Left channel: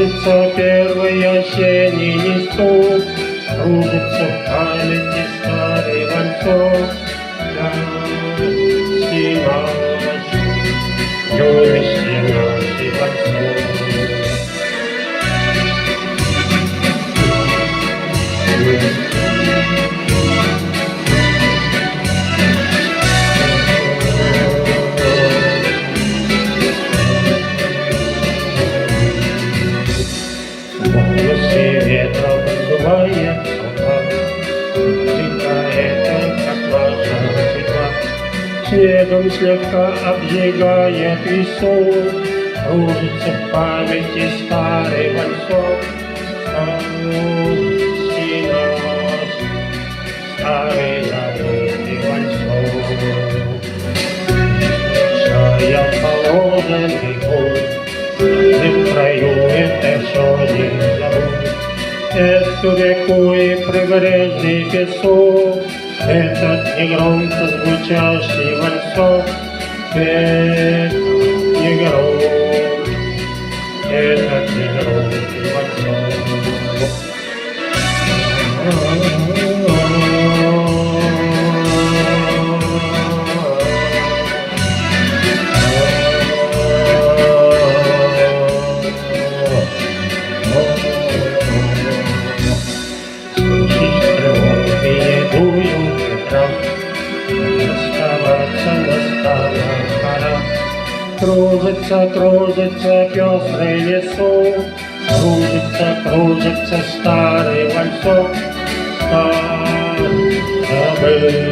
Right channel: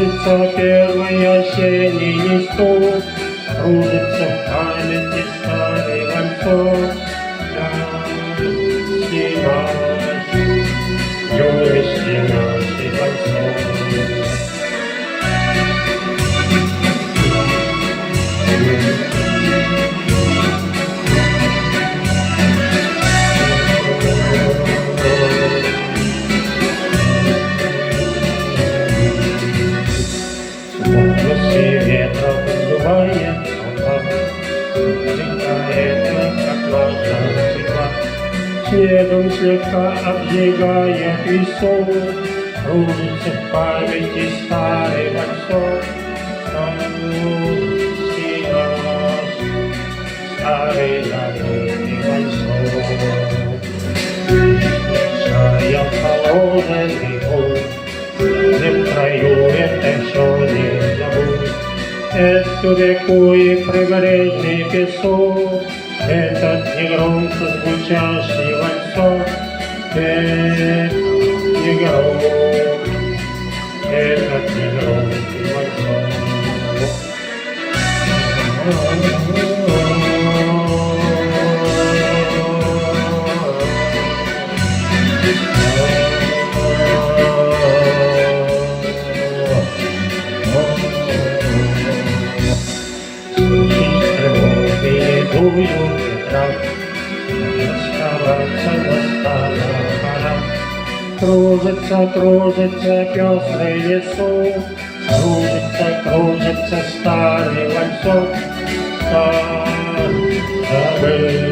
Кружится первый осенний листок, кружится в памяти старый вальсок. Юности нашей вальсок. Волосы ветром сдувает сапог, стекает, как влажная цветка. Снегом слегка обжигая песок, кружится в памяти старый вальсок. Старый забытый вальсок. Шая положенный путь, не краю это все не забудь. Эту реку и прибрежный песок, этот негромко звучащий вальсок, этот негромкий вальсок. Кружится, кружится пестрый лесок, кружится, кружится старый вальсок, забыл.